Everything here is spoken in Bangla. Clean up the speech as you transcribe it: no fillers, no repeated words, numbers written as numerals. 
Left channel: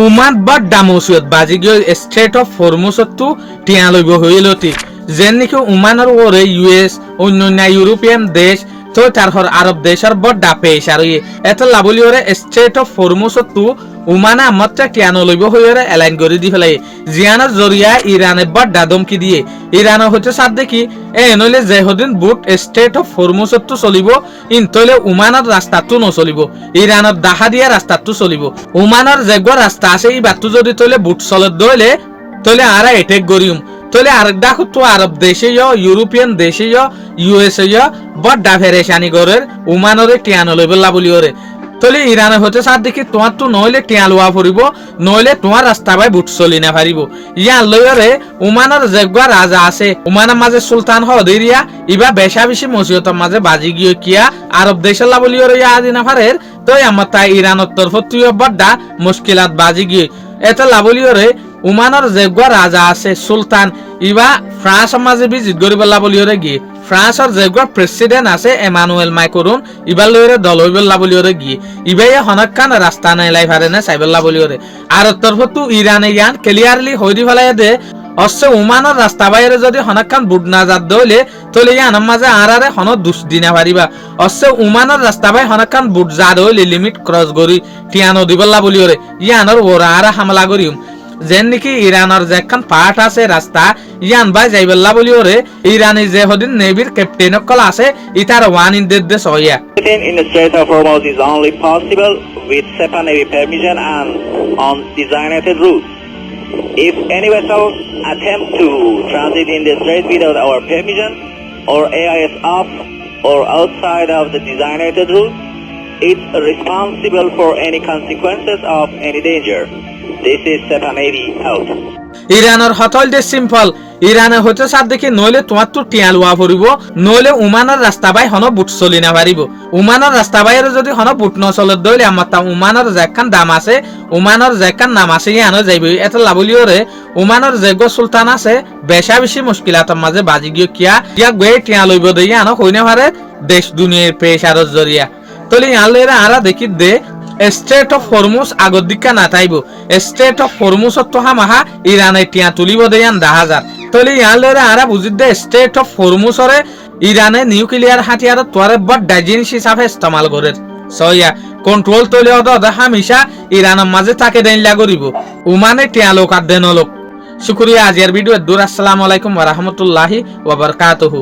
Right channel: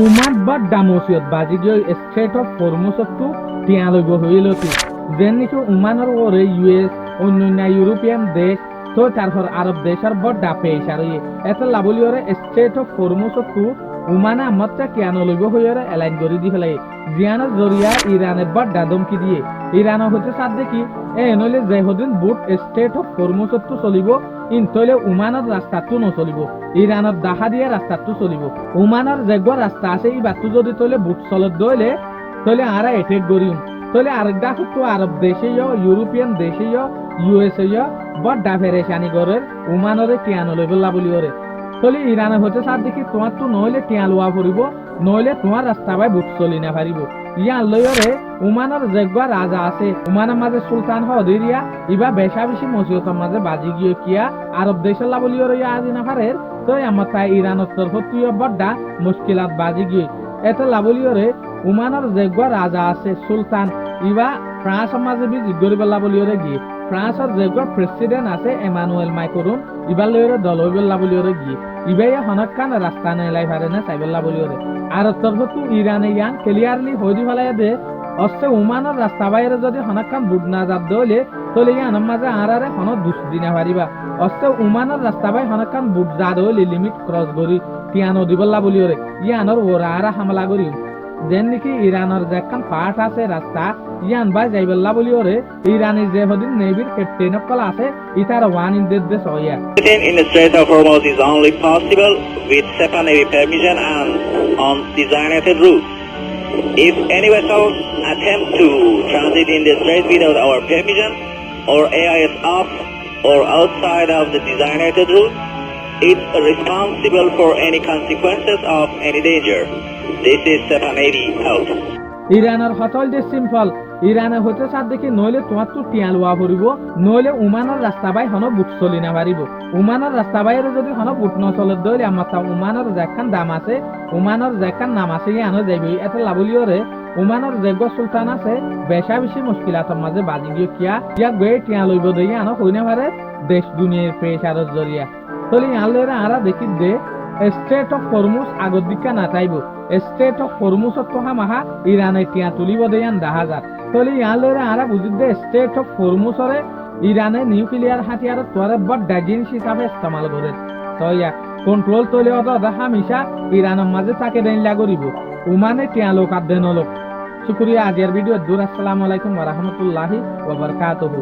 উমান বা ডামোসিয়ত বাজিগিয় স্টেট অফ হরমুজতো টিয়া লইব হইলতি যেন নাকি উমানের ওরে ইউএস অন্যান্য ইউরোপিয়ান দেশ তো তারপর আরব দেশের বড় পেশ আর এত লাভলি ওরে স্টেট অফ হরমুজতো উমানা মাত্র টিয়ানো লইব হইরে এলাইন করে দি ফেলাই জিয়ানের জরিয়া ইরানে বড় ধমকি দিয়ে ইরানের হচ্ছে সাথ দেখি নইলে যেহদিন বুট স্টেট অফ হরমুজতো চলিব ইনতলে উমানের রাস্তাটো নচলিব ইরানের দাহা দিয়া রাস্তাটো চলিব উমানের যেগর রাস্তা আছে এই বাট্টু যদি তলে বুট চলত দইলে তলে আরা এটেক গরিম তলে আরেকটা তো আরব দেশে ইউরোপিয়ান দেশে ইউএসএ বড় ফেরেশানি গরের উমানরে টিয়ানো লইবলা বলি ওরে তলে ইরানে হতে সাথ দেখি তোমার তো নইলে টিয়া লোয়া ফুরিব নইলে তোমার রাস্তা বাই বুট চলি না পারিব ইয়ার লইরে উমানের যেগা রাজা আছে উমানের মাঝে সুলতান হদিরিয়া ইবা বেশা বেশি মসিয়তের মাঝে বাজি গিয়ে কিয়া আরব দেশের লাবলিয়রে ইয়া আদি না পারের তো আমার তাই ইরানের তরফ তুই বড়া মুশকিলাত বাজি গিয়ে এত লাবলিয়রে উমানের যেগা রাজা আছে সুলতান ইবা ফ্রান্সের মাঝে বিজিত গরিব লাবলিয়রে গিয়ে ফ্রান্সের যেগা প্রেসিডেন্ট আছে এমানুয়েল মাইক্রন ইবার লইরে দল হইবেল লাবলিয়রে গিয়ে ইবাই হনকান রাস্তা নাই লাই পারে না সাইবেল লাবলিয়রে আর তরফ তু ইরানে ইয়ান ক্লিয়ারলি হইরি ফেলাই দে অবশ্য উমানের রাস্তা বাইরে যদি হনকান বুট না যাত দইলে তলে ইয়ানের মাঝে আরারে হন দুষ দিনা পারিবা অবশ্য উমানের রাস্তা বাই হনকান বুট যা দইলে লিমিট ক্রস করি টিয়ানো দিবল্লা বলিওরে ইয়ানের ওরা আরা হামলা করিম যেন নাকি ইরানের যে একখান পার্ট আছে রাস্তা ইয়ান বাই যাইবেল্লা বলিওরে ইরানি যে হদিন নেভির ক্যাপ্টেন কল আছে ইতার ওয়ান ইন দেশ দেশ হইয়া In the Strait of Hormuz is only possible with SEPA Navy permission and on designated routes. If any vessel attempt to transit in the strait without our permission or AIS off or outside of the designated route, it's responsible for any consequences of any danger. This is SEPA Navy out. ইরানের হতল দে সিম্পল ইরানে হতে সাথ দেখি নইলে তোমার তো টিয়া লোয়া পড়িব নইলে উমানের রাস্তা বাই হন বুট চলি না পারিব উমানের রাস্তা বাইরে যদি হন বুট ন চলে দইলে আমার তা উমানের যেখান দাম আছে উমানের যেখান নাম আছে ইয়ানো যাইব এত লাবলিওরে উমানের যেগো সুলতান আছে বেশা বেশি মুশকিলাতের মাঝে বাজি গিয়ে কিয়া ইয়া গয়ে টিয়া লইব দই আনো হইনে পারে দেশ দুনিয়ার পেশারত জরিয়া তলে ইয়ালেরা আরা দেখি দে স্টেট অফ হরমুজ আগর দিকা না তাইব স্টেট অফ হরমুজ তো হামাহা ইরানে টিয়া তুলিব দেয়ান 10,000 তলে ইয়ালেরা আরা বুঝিত দে স্টেট অফ হরমুজরে ইরানে নিউক্লিয়ার হাতিয়ার তোরে বড় ডাইজিনিস হিসাবে ইস্তেমাল করে সয়া কন্ট্রোল তলে অদ হামেশা ইরানের মাঝে তাকে দেন লাগরিব উমানে টিয়া লোক আর দেন লোক শুকরিয়া আজের ভিডিও দূর আসসালামু আলাইকুম ওয়া রাহমাতুল্লাহি ওয়া বারাকাতুহু।